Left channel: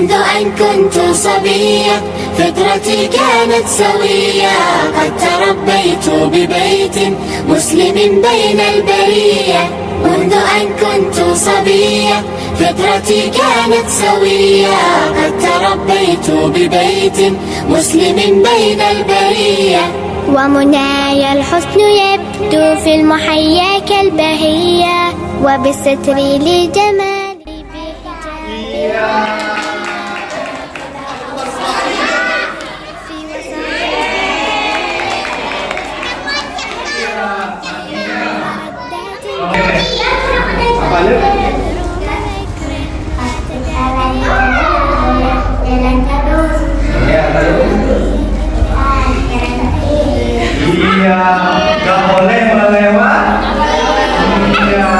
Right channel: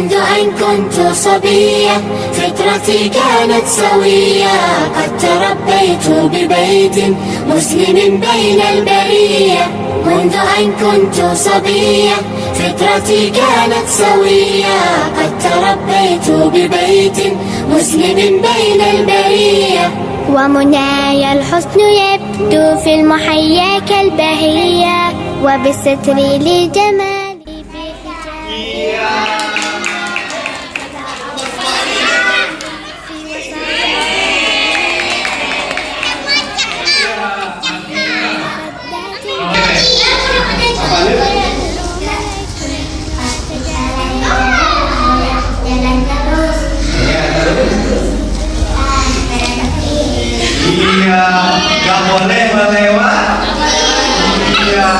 منذ أن كنت صبية فطرتي كانت سوية. قد تربيت ببيت مسلم بين البرية. منذ أن كنت صبية فطرتي كانت سوية. قد تربيت ببيت مسلم بين البرية. ومنايا الحسن يبدو في المحيا كالبهية، وبالستر للجمال بحجابها في Iya, gak boleh melewat. Iya.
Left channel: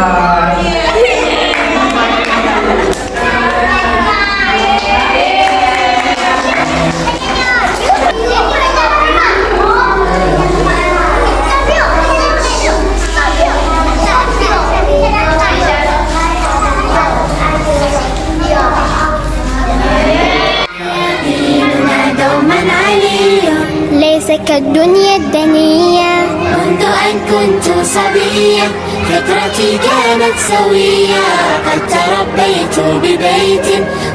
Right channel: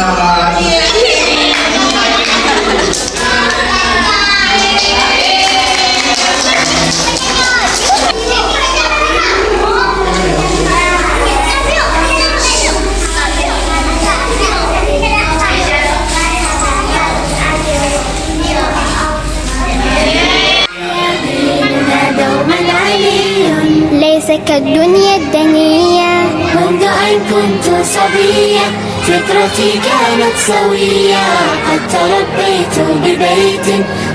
ليس كالدنيا الدنية. منذ أن كنت صبية فطرتي كانت سوية. قد تربيت ببيت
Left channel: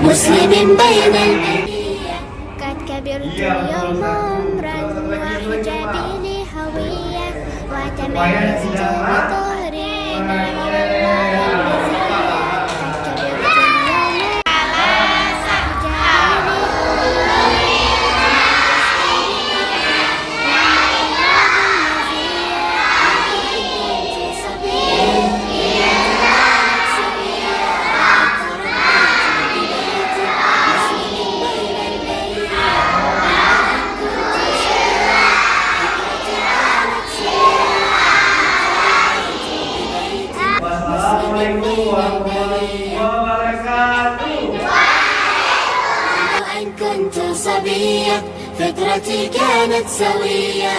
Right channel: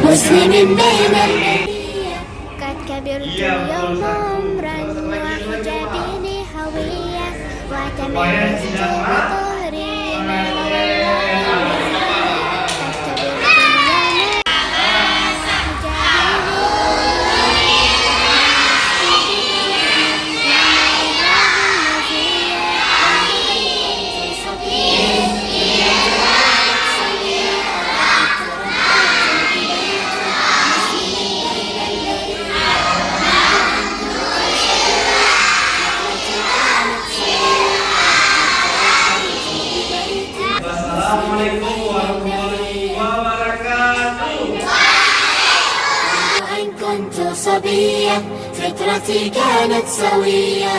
مسلم بين البرية. قد كبرت اليوم عمرا وحجابي لي هوية، وتميزت بطهري نعم والله المزية. قد كبرت اليوم وحجابي لي هوية، Wassalamualaikum warahmatullahi wabarakatuh. أن كنت صبية فطرتي كانت سوية.